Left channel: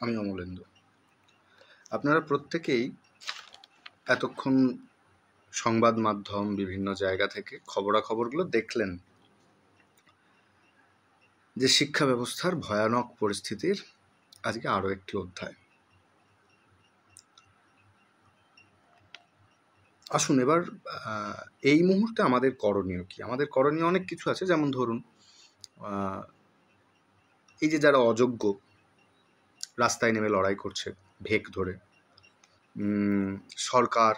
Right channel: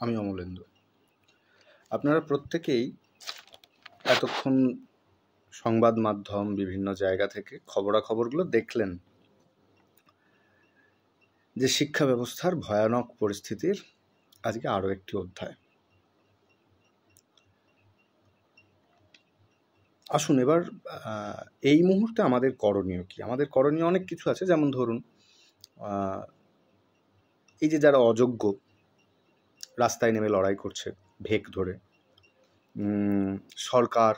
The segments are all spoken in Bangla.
আমি অমলেন্দু। আপনারা প্রত্যেকেই এতক্ষণ সংবাদ মাধ্যম বিভিন্ন জায়গা থেকে খবরাখবরগুলো দেখলেন যে শিক্ষা ব্যবস্থার ভয়ানক পরিস্থিতির আজকে আরও একটি অধ্যায়। আসুন এবার এই মুহূর্তে আমাদের করণীয় কি? আমাদের করণীয় অনেক কিছু আছে, যেমন ধরুন এই যে যারা অযোগ্য রাস্তায় নেমে লড়াই করছে ভেক ধরে, সরকার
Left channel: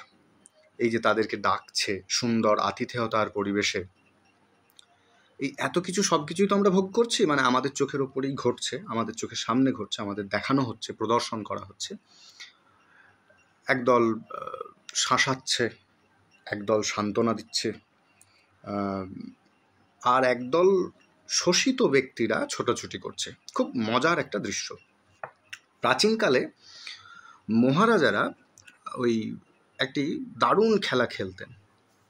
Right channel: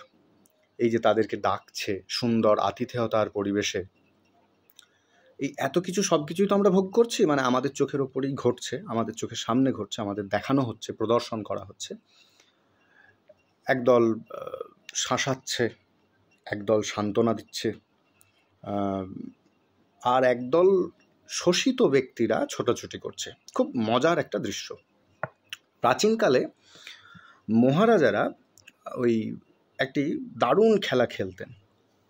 এই যে তাদেরকে ডাকছে সুন্দর আতিথেয়তার পরিবেশে, এই এত কিছু সব কিছুই তো আমরা ভোগ করছি, মানে আমাদের চোখের ওপরেই ঘটছে, আমাদের চোখের সামনে ঘটছে, আমাদের দেখানো হচ্ছে, প্রদর্শন করা হচ্ছে। একদল শাসাচ্ছে, একদল সান্ত্বনা দিচ্ছে, আর একদল শোষিত ব্যক্তিরা ছোটাছুটি করছে। খুব মজার একটা দৃশ্য। প্রাচীনকালে মহারাজারা ওই একটি দারুণ খেলা খেলতেন,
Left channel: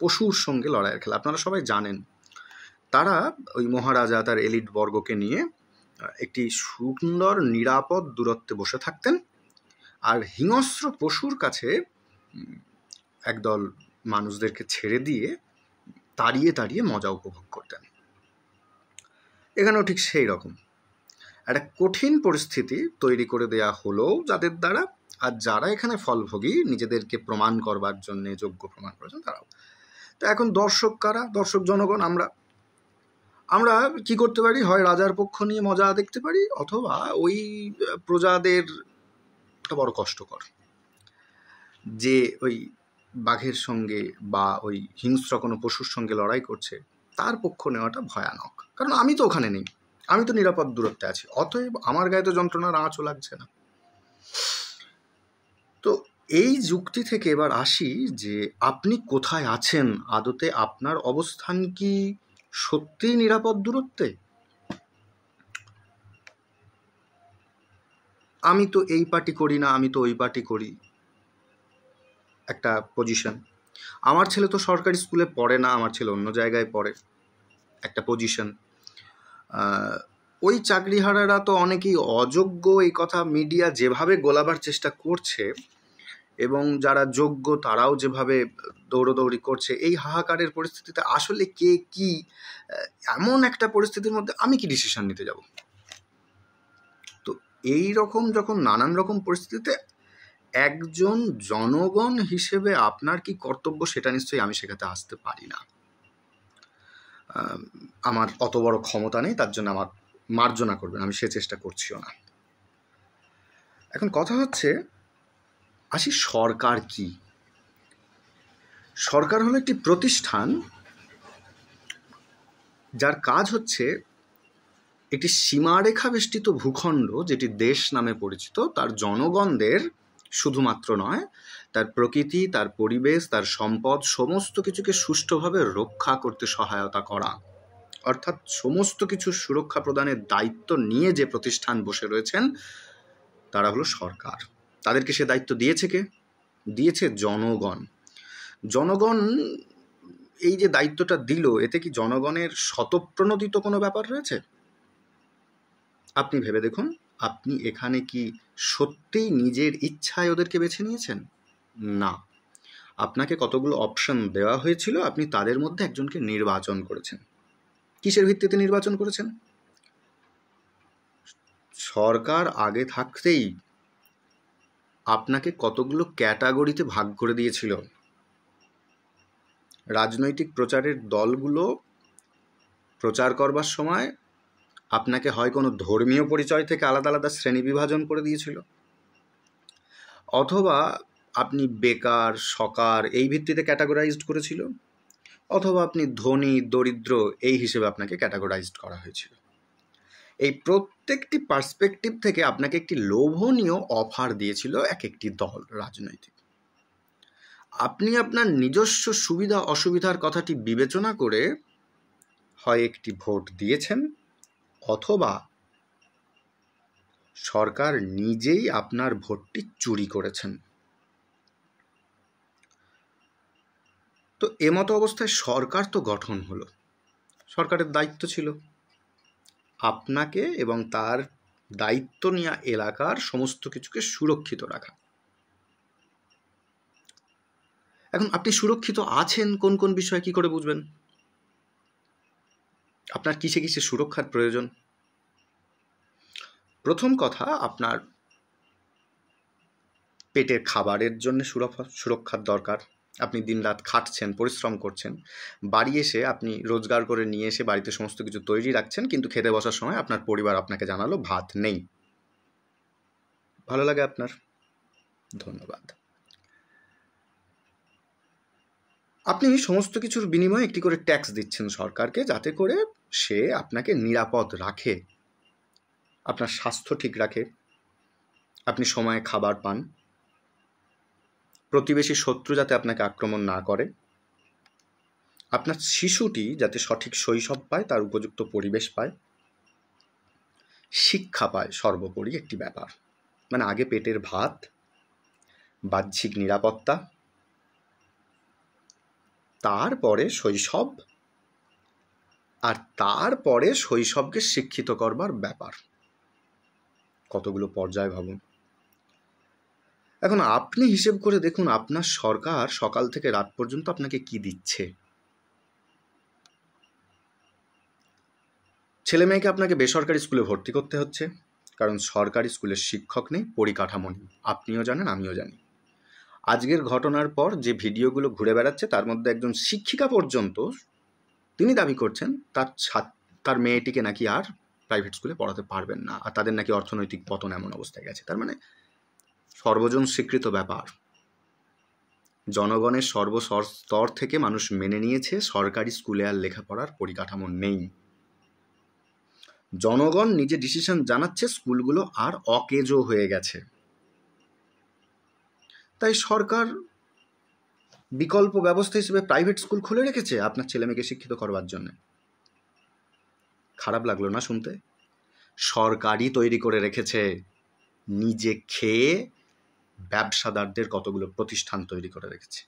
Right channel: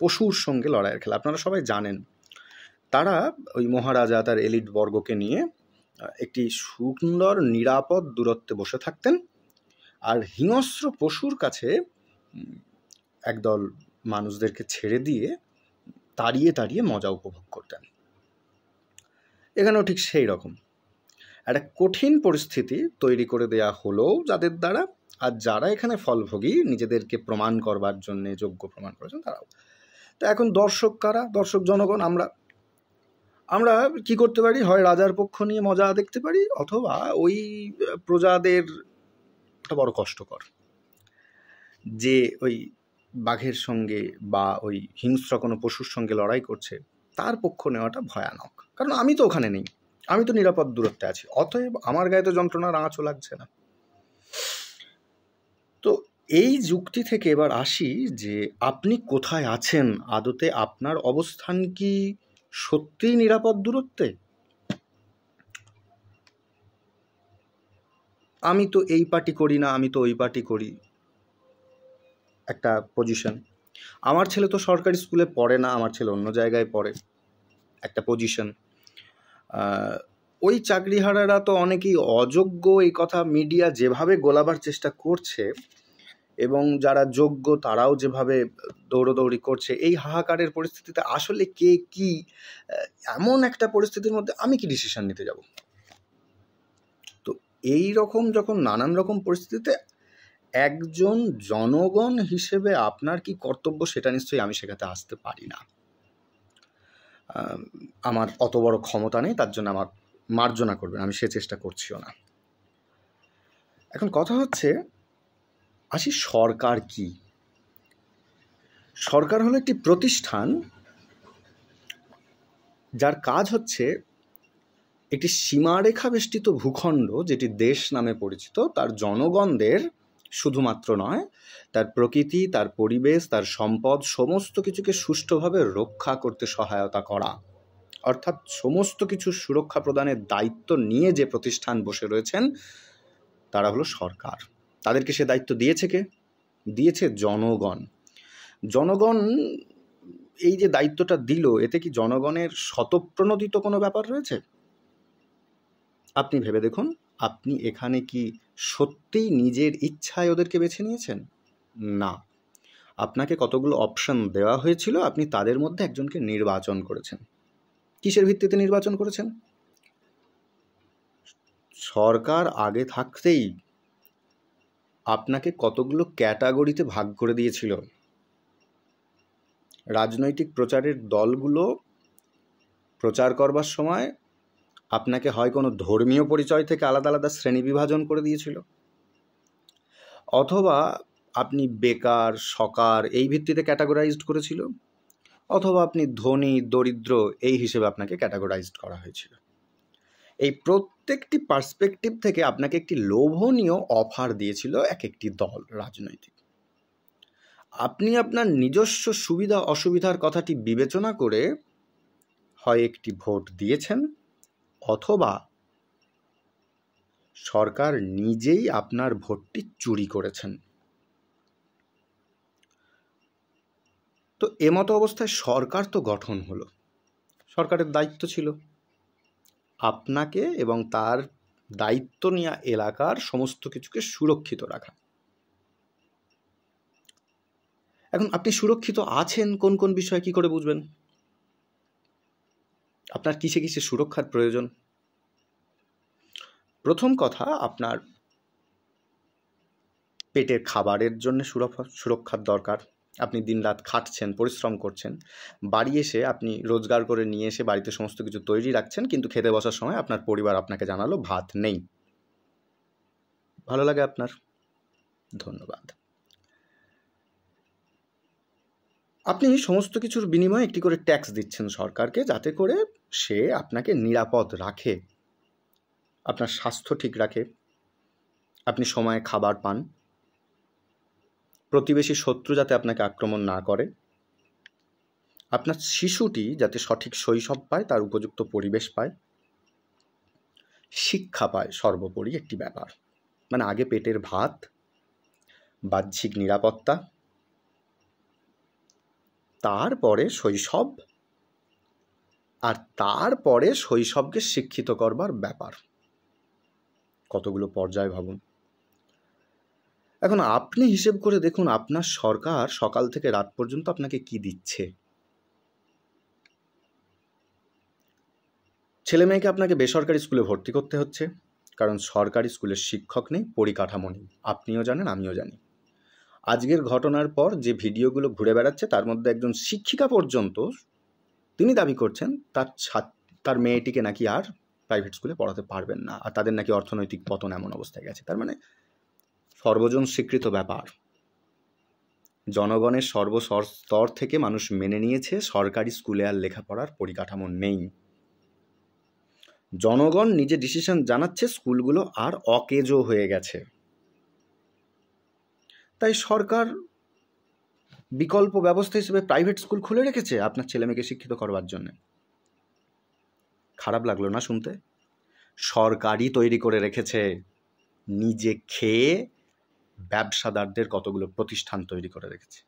পশুর সঙ্গে লড়াইয়ের খেলা। আপনারা সবাই জানেন, তারা ওই মহারাজা তার এলিট বর্গকে নিয়ে একটি সুন্দর নিরাপদ দূরত্বে বসে থাকতেন, আর হিংস্র পশুর কাছে একদল মানুষদেরকে ছেড়ে দিয়ে তাড়িয়ে তাড়িয়ে মজা উপভোগ করতেন। এখানেও ঠিক সেই রকম একটা কঠিন পরিস্থিতি তৈরি করে দেয়া হলো যাদের দ্বারা, আর যারা এখানে ফলভোগী নিজেদেরকে প্রমাণ করবার জন্যে যোগ্য প্রমাণ করেছেন তারাও। তো এখন দর্শক কারা? দর্শক জনগণ। আমরা কি করতে পারি? হয় রাজার পক্ষ নিয়ে মজা দেখতে পারি, অথবা ওই প্রজাদের একটা বড় কষ্টকর যে ওই বাঘের সঙ্গে বা ওই হিংস্র কোনো পশুর সঙ্গে লড়াই করছে তার পক্ষ নেওয়াটা ভয়ানক। কারণ আমি তো ওখানে নেই, আমি তো নিরাপদ দূরত্বে আছি, অতএব আমার গায়ে তো যন্ত্রণার আঁচও লাগছে না। তো এই যুক্তি থেকে এবার আসি যে আপনি কোথায় আছেন, আদতে আপনার অবস্থান কি সত্যিই নিরাপদ দূরত্বে? আমি তো এই পার্টি করি না, আমি তো ওই পার্টি করি, একটা পজিশন। আমার ছেলে তো সরকারি স্কুলে পড়ে না, আমার ছেলে অন্য জায়গায় পড়ে, একটা পজিশন। ওই চাকরিহারারা তো অনেকেই অযোগ্য, এই কথা মিডিয়া যেভাবে গোলাবার চেষ্টা করছে, এবং যারা যোগ্য তারাও যেভাবে দৌড়োদৌড়ি করছে, এই হাহাকারের পরিস্থিতিতে আসলে কে কি, এমন একটা পরিস্থিতির মধ্যে আমি কি ডিসিশন নিতে যাব? তো এই রকম যখন নানান রকম পরিস্থিতিতে একজন জনগণ হিসেবে আপনার কি কর্তব্য সেটা নিশ্চয়ই আমি শেখাতে আসতে পারি না। আমার অত বড় ক্ষমতা নেই, তার জন্য আমার মার্জনা করবেন, আমি সে চেষ্টা করছিও না। এখন কথা হচ্ছে, আসি সরকার কি? সরকার হলো একটি প্রতিষ্ঠান যার কাজ হচ্ছে একটি সীমারেখা বেষ্টিত ভূখণ্ড, যেটি দেশ নামে পরিচিত, তার জনগণদের শুধুমাত্র নয়, তার প্রকৃতি, তার পরিবেশ, তার সম্পদ সমস্ত কিছুকে সুষ্ঠুভাবে রক্ষা করতে সহায়তা করা। অর্থাৎ সমস্ত কিছু সুরক্ষা প্রদানের দায়িত্ব নিয়ে যে প্রতিষ্ঠান বসে রয়েছেন তারা হলো সরকার। তাদেরকে সে দায়িত্ব দিয়েছে কে? দিয়েছে জনগণ। জনগণ এই যে দায়িত্বটা দিল, এতে কি জনগণের স্বতঃপ্রণোদিত কোনো ব্যাপার রয়েছে? আপনি ভেবে দেখুন, আপনি এখানে কি সত্যিই নিজের ইচ্ছায় ওদেরকে বেছে নিয়েছেন? না, আপনাকে কতগুলো অপশন দেওয়া হয়েছিল, আপনি তাদের মধ্যে একজনকে নির্বাচন করেছেন। কিসের ভিত্তিতে নির্বাচন করেছেন? সরকার আগে থাকতেই আপনাকে কতগুলো ক্যাটাগরিতে ভাগ করে দিয়েছিল। রাজনৈতিক প্রচারের দলগুলো প্রচার করবার সময় আপনাকে হয় কোনো ধর্মীয় পরিচয় থেকে আলাদা আলাদা শ্রেণী বিভাজন করে দিয়েছিল, অথবা আপনি বেকার সকার এই ভিত্তিতে ক্যাটাগরাইজড করেছিল, অথবা আপনি ধনী দরিদ্র এই হিসেবে আপনাকে ক্যাটাগরাইজড করা হয়েছিল। এই প্রত্যেকটি পার্সপেক্টিভ থেকে আপনাকে একটি লোভনীয় অফার দিয়েছিল এক একটি দল রাজনৈতিক। আপনি আপনার নিজস্ব সুবিধা অসুবিধার কথাটি বিবেচনা করে হয় একটি ভোট দিয়েছেন, অথবা সরকার নিজেই আপনার ভোটটি চুরি করেছেন। তো এমতো অবস্থায় সরকার তো গঠন হলো, সরকারের দায়িত্ব ছিল আপনাকে এবং তার দায়িত্ব নেওয়া এলাকার সমস্ত কিছুকে সুরক্ষিত রাখা। এখন আপনি সুরক্ষিত আছেন কোন কোন বিষয়ে কি করে বুঝবেন? আপনার কিসে কিসে সুরক্ষার প্রয়োজন? প্রথম কথা, আপনার পেটের খাবারের জন্য সুরক্ষার দরকার। আপনি দিনরাত খাটছেন, পরিশ্রম করছেন, বাড়ি এসে আপনি রোজগার করে নিয়ে এসে বাড়িতে সমস্ত কিছু তৈরি রাখছেন, কিন্তু খেতে বসার সময় আপনার পরিবার আপনাকে জানালো ভাত নেই। ভালো লাগে আপনার? ধন্যবাদ। আপনি সমস্ত কিছুর বিনিময়ে একটি করে ট্যাক্স দিচ্ছেন সরকারকে, যাতে করে সে আপনাকে নিরাপদ রাখে, আপনার স্বাস্থ্য ঠিক রাখে, আপনি সময়ে খাবার পান, প্রতিবেশী শত্রু যাতে আপনাকে আক্রমণ না করে, আপনার শিশুটি যাতে সঠিক শৈশব পায়, তার উপযুক্ত পরিবেশ পায়, শিক্ষা পায়, সর্বোপরি একটি ব্যাপার। মানে আগে পেটের ভাত, বাহ্যিক নিরাপত্তা, তারপরে শৈশব, আর তারপরে শৈশবকে শিক্ষিত করবার ব্যাপার। কতগুলো পর্যায় ভাবুন। এখন আপনি হিসেব করে দেখুন, আপনার সরকার সকাল থেকে রাত পর্যন্ত আপনাকে কি দিচ্ছে। ছেলে মেয়েকে আপনাকে বেসরকারি স্কুলে ভর্তি করতে হচ্ছে, কারণ সরকারি স্কুলের শিক্ষক নেই, পরিকাঠামো নেই। আপনিও জানেন, আমিও জানি। আজকের ঘটনার পর যে ভিডিওগুলো ঘুরে বেড়াচ্ছে, তার মধ্যে একজন শিক্ষিকা পর্যন্ত তিনি দাবি করছেন তার মেয়েটিকে নাকি আর প্রাইভেট স্কুলে পড়াতে পারবেন না, আর তাদের নাকি অর্থনৈতিক পতন এমন অবস্থায় গেছে। তার মানে সর্বজন স্বীকৃত ব্যাপার। জনগণের সর্বস্তর থেকে মানুষ মেনে নিয়েছে সরকারি স্কুলে আর লেখাপড়ার পরিকাঠামো নেই। জনগণ নিজে ডিসিশন জানাচ্ছে স্কুলগুলো আর অকেজো হয়ে গেছে। তাই সরকার বিকল্প ব্যবস্থা হিসেবে প্রাইভেট স্কুল খুলে রেখেছে আপনার ছেলেমেয়েকে শিক্ষিত করবার জন্য। খারাপ লাগলো না শুনতে? সরকারই তৈরি করে রেখেছে, নিজে খেয়ে ব্যবসাদারদের কতগুলো প্রতিষ্ঠান তৈরি করে রেখেছে।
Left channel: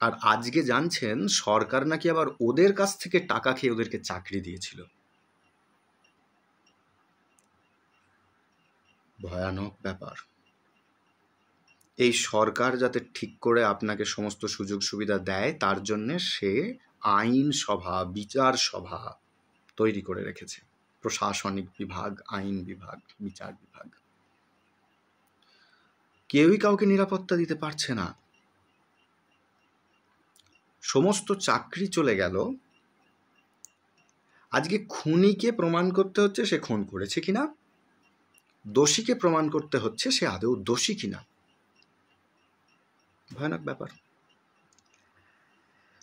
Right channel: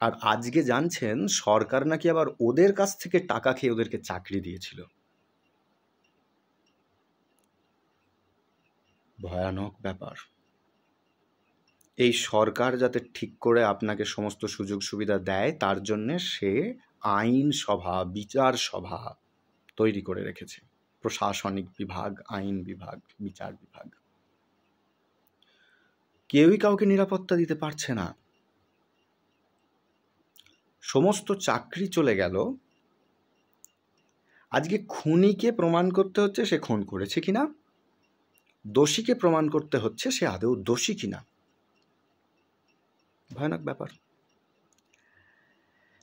আর আজকে জানছেন সরকার নাকি আবার ওদের কাছ থেকে টাকা খেয়ে ওদেরকে চাকরি দিয়েছিল। ভয়ানক ব্যাপার। এই সরকার যাতে ঠিক করে আপনাকে সমস্ত সুযোগ সুবিধা দেয়, তার জন্য সে আইন সভা, বিচার সভা তৈরি করে রেখেছে। প্রশাসনিক বিভাগ, আইন বিভাগ, বিচার বিভাগ। কেউই কাউকে নিরাপত্তা দিতে পারছে না। সমস্ত চাকরি চলে গেল। আজকে খুনিকে প্রমাণ করতে হচ্ছে সে খুন করেছে কিনা, দোষীকে প্রমাণ করতে হচ্ছে সে আদৌ দোষী কিনা। ভয়ানক ব্যাপার।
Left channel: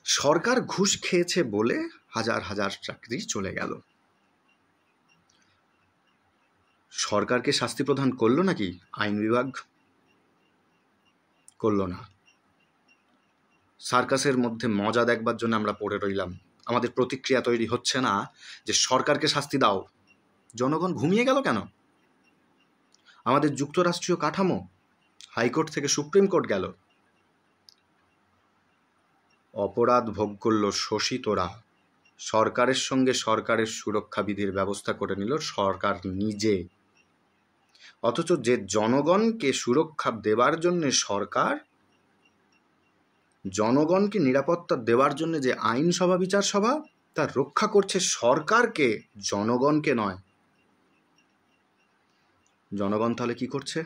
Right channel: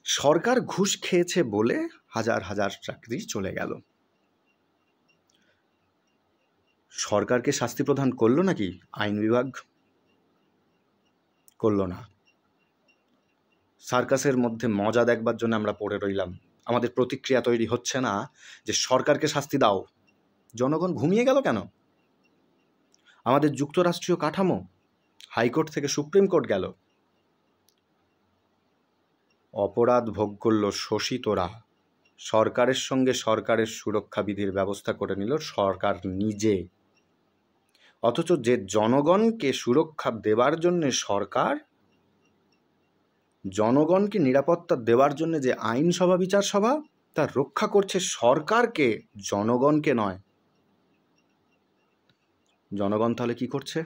সরকার ঘুষ খেয়েছে বলে হাজার হাজার চাকরি চলে গেল। সরকারকে শাস্তি প্রদান করলো নাকি আইন বিভাগ? করলো না। সার্কাসের মধ্যে মজা দেখবার জন্য আমরা পড়ে রইলাম। আমাদের প্রতিক্রিয়া তৈরি হচ্ছে না যে সরকারকে শাস্তি দাও। জনগণ ঘুমিয়ে গেল কেন? আমাদের যুক্তরাষ্ট্রীয় কাঠামো হাইকোর্ট থেকে সুপ্রিম কোর্ট গেল। অপরাধ ভোগ করল শোষিতরা। সরকারের সঙ্গে সরকারের সুরক্ষা বিধির ব্যবস্থা করে নিল সরকার নিজে। অথচ যে জনগণকে সুরক্ষা দেবার জন্য সরকার, জনগণকে নিরাপত্তা দেওয়ার জন্য যে আইন সভা, বিচার সভা, তা রক্ষা করছে সরকারকে, জনগণকে নয়। জনগণ তাহলে কি করছে?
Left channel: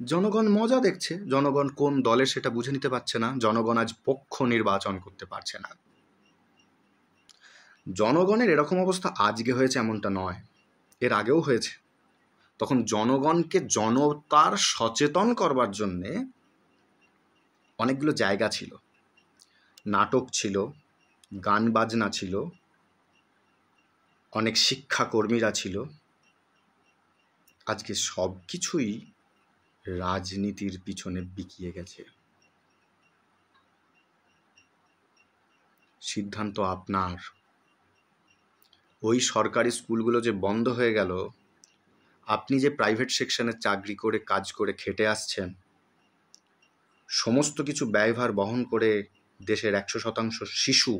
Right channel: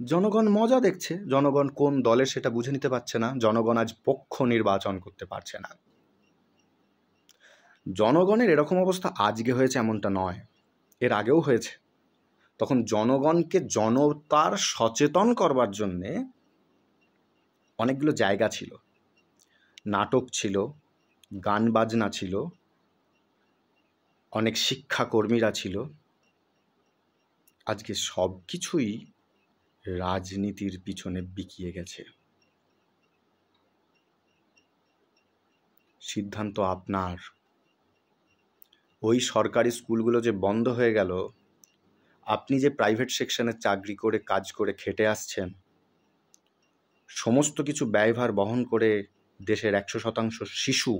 জনগণ মজা দেখছে। জনগণ কোন দলের সেটা বুঝে নিতে পারছে না। জনগণ আজ পক্ষ নির্বাচন করতে পারছে না। জনগণের এরকম অবস্থা আজকে হয়েছে এমনটা নয়, এর আগেও হয়েছে। তখন জনগণকে জনতার সচেতন করবার জন্যে অনেকগুলো জায়গা ছিল, নাটক ছিল, গান বাজনা ছিল, অনেক শিক্ষাকর্মীরা ছিল। আজকে সব কিছুই রাজনীতির পিছনে বিকিয়ে গেছে। সিদ্ধান্ত আপনার। ওই সরকারি স্কুলগুলো যে বন্ধ হয়ে গেল, আপনি যে প্রাইভেট সেকশনে চাকরি করে কাজ করে খেটে আসছেন, সমস্ত কিছু ব্যয়ভার বহন করে দেশের 100% শিশু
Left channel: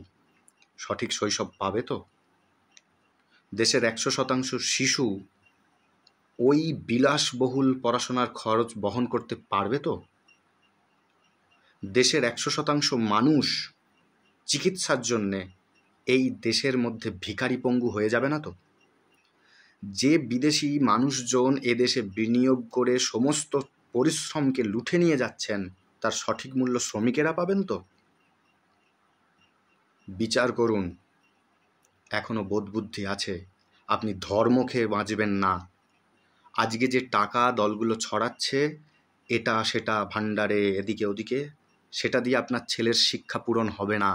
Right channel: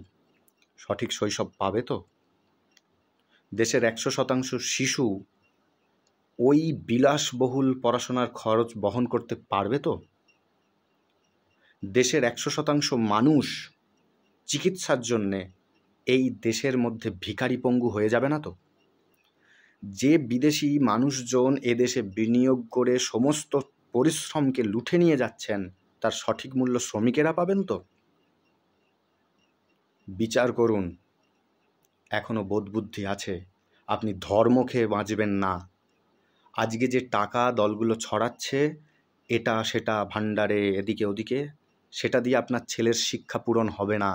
সঠিক শৈশব পাবে তো? দেশের 100% শিশু ওই বিলাসবহুল পড়াশোনার খরচ বহন করতে পারবে তো? দেশের 100% মানুষ চিকিৎসার জন্যে এই দেশের মধ্যে ভিখারি পঙ্গু হয়ে যাবে না তো? যে বিদেশি মানুষজন এদেশে বিনিয়োগ করে সমস্ত পরিশ্রমকে লুঠে নিয়ে যাচ্ছেন, তার সঠিক মূল্য শ্রমিকেরা পাবেন তো? বিচার করুন, এখনো বোধবুদ্ধি আছে। আপনি ধর্ম খেয়ে বাঁচবেন না। আজকে যে টাকা দলগুলো ছড়াচ্ছে এটা সেটা ভাণ্ডারে এদিকে ওদিকে, সেটা দিয়ে আপনার ছেলের শিক্ষা পূরণ হবে না।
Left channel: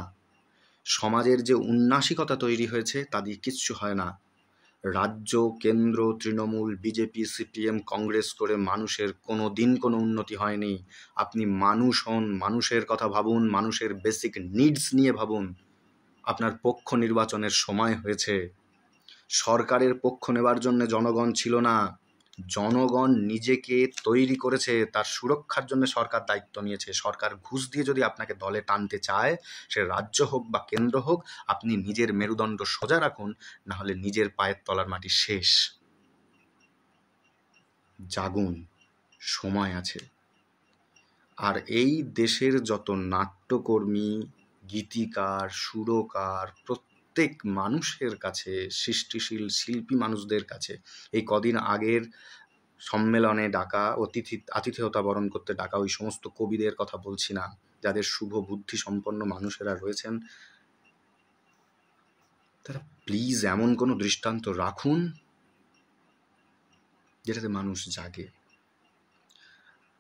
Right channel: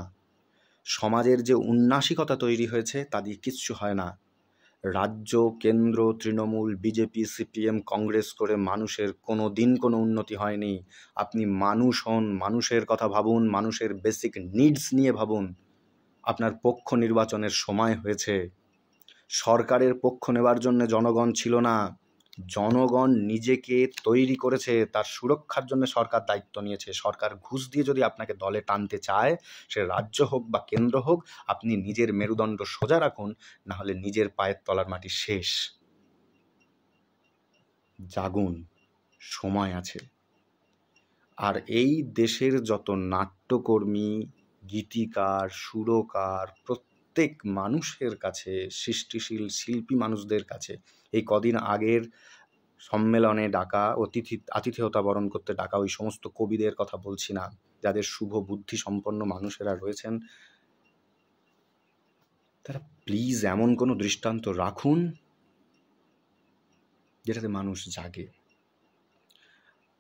সমাজের যে উন্নাসিকতা তৈরি হয়েছে তা দিয়ে কিচ্ছু হয় না। রাজ্য, কেন্দ্র, তৃণমূল, বিজেপি, সিপিএম, কংগ্রেস করে মানুষের কোনো দিন কোনো উন্নতি হয়নি। আপনি মানুষ হন, মানুষের কথা ভাবুন, মানুষের বেসিক নিডস নিয়ে ভাবুন। আপনার পক্ষ নির্বাচনের সময় হয়েছে। সরকারের পক্ষ নেবার জন্য জনগণ ছিল না, জনগণ নিজেকে তৈরি করেছে, তার সুরক্ষার জন্য সরকার দায়িত্ব নিয়েছে। সরকার ঘুষ দিয়ে যদি আপনাকে দলে টানতে চায়, সে রাজ্য হোক বা কেন্দ্র হোক, আপনি নিজের মেরুদণ্ড সোজা রাখুন, না হলে নিজের পায়ের তলার মাটি শেষ। জাগুন, সময় আছে। আর এই দেশের যত নাট্যকর্মী, গীতিকার, সুরকার, প্রত্যেক মানুষের কাছে, সৃষ্টিশীল শিল্পী মানুষদের কাছে এই কদিন আগের সম্মেলনে ডাকা, আতিথেয়তা বরণ করতে ডাকা ওই সমস্ত কবিদের কথা বলছি না, যাদের শুভ বুদ্ধি সম্পন্ন মানুষেরা রয়েছেন, তারা প্লিজ এমন কোনো দৃষ্টান্ত রাখুন যেটাতে মানুষ জাগে।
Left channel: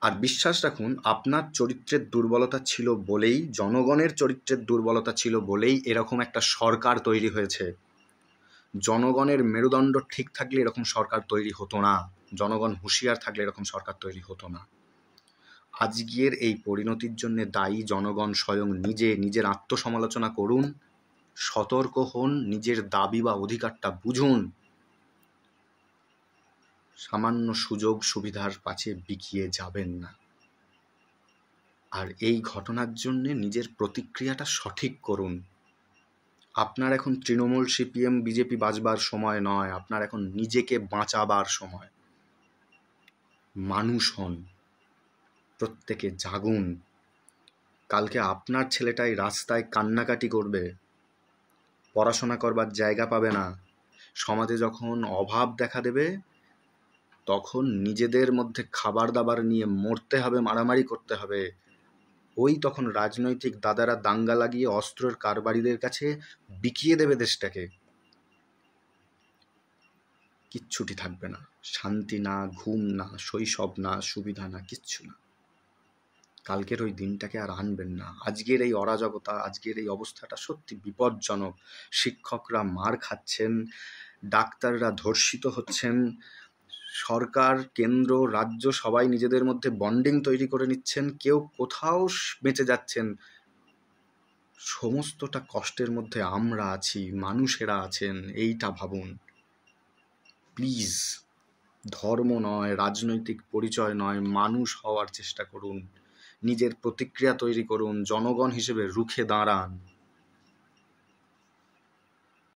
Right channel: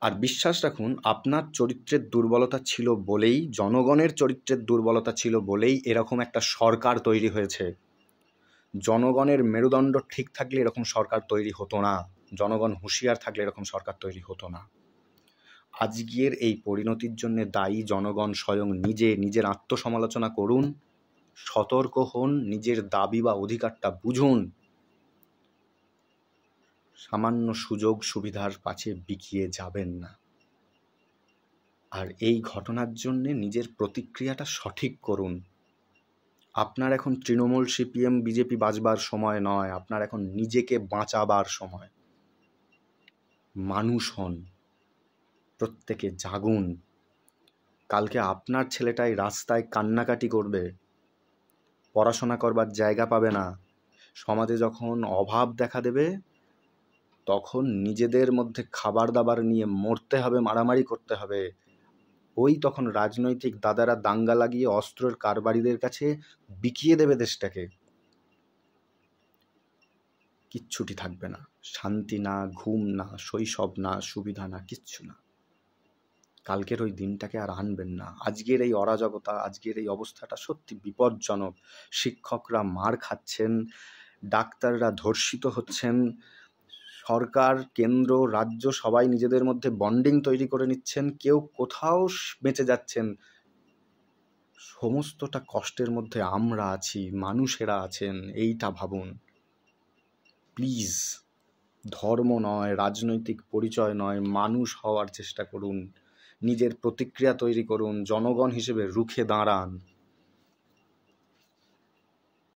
আর বিশ্বাস রাখুন, আপনার চরিত্রের দুর্বলতা ছিল বলেই, জনগণের চরিত্রের দুর্বলতা ছিল বলেই এরকম একটা সরকার তৈরি হয়েছে। জনগণের মেরুদণ্ড ঠিক থাকলে এরকম সরকার তৈরি হতো না। জনগণ হুঁশিয়ার থাকলে এরকম সরকার তৈরি হতো না। আজকের এই পরিণতির জন্য দায়ী জনগণ স্বয়ং নিজে। নিজের আত্মসমালোচনা করুন, সতর্ক হন, নিজের দাবি বা অধিকারটা বুঝুন। সামান্য সুযোগ সুবিধার পাশে বিকিয়ে যাবেন না। আর এই ঘটনার জন্য নিজের প্রতিক্রিয়াটা সঠিক করুন। আপনার এখন তৃণমূল, সিপিএম, বিজেপি বাঁচবার সময় নয়, আপনার এখন নিজেকে বাঁচাবার সময়। মানুষ হন, প্রত্যেকে জাগুন। কালকে আপনার ছেলেটাই রাস্তায় কান্নাকাটি করবে, পড়াশোনা করবার জায়গা পাবে না। সমাজে যখন অভাব দেখা দেবে, তখন নিজেদের মধ্যে খাবার দাবার নিয়ে মরতে হবে, মারামারি করতে হবে। ওই তখন রাজনৈতিক দাদারা দাঙ্গা লাগিয়ে অস্ত্রের কারবারিদের কাছে বিকিয়ে দেবে দেশটাকে। কিচ্ছুটি থাকবে না, শান্তি না, ঘুম না, শৈশব না, সুবিধা না, কিচ্ছু না। কালকের ওই দিনটাকে আর আনবেন না। আজকের এই অরাজকতা, আজকের এই অবস্থাটা সত্যি বিপজ্জনক। শিক্ষকরা মার খাচ্ছেন, ডাক্তাররা ধর্ষিত হচ্ছেন, সরকার, কেন্দ্র, রাজ্য সবাই নিজেদের মধ্যে বন্ডিং তৈরি করে নিচ্ছেন, কেউ কোথাও বেঁচে যাচ্ছেন। সমস্তটা কষ্টের মধ্যে আমরা আছি, মানুষেরা আছেন, এইটা ভাবুন প্লিজ। ধর্ম নয়, রাজনৈতিক পরিচয় নয়, মানুষ হওয়ার চেষ্টা করুন, নিজের প্রতিক্রিয়া তৈরি করুন, জনগণ হিসেবে রুখে দাঁড়ান।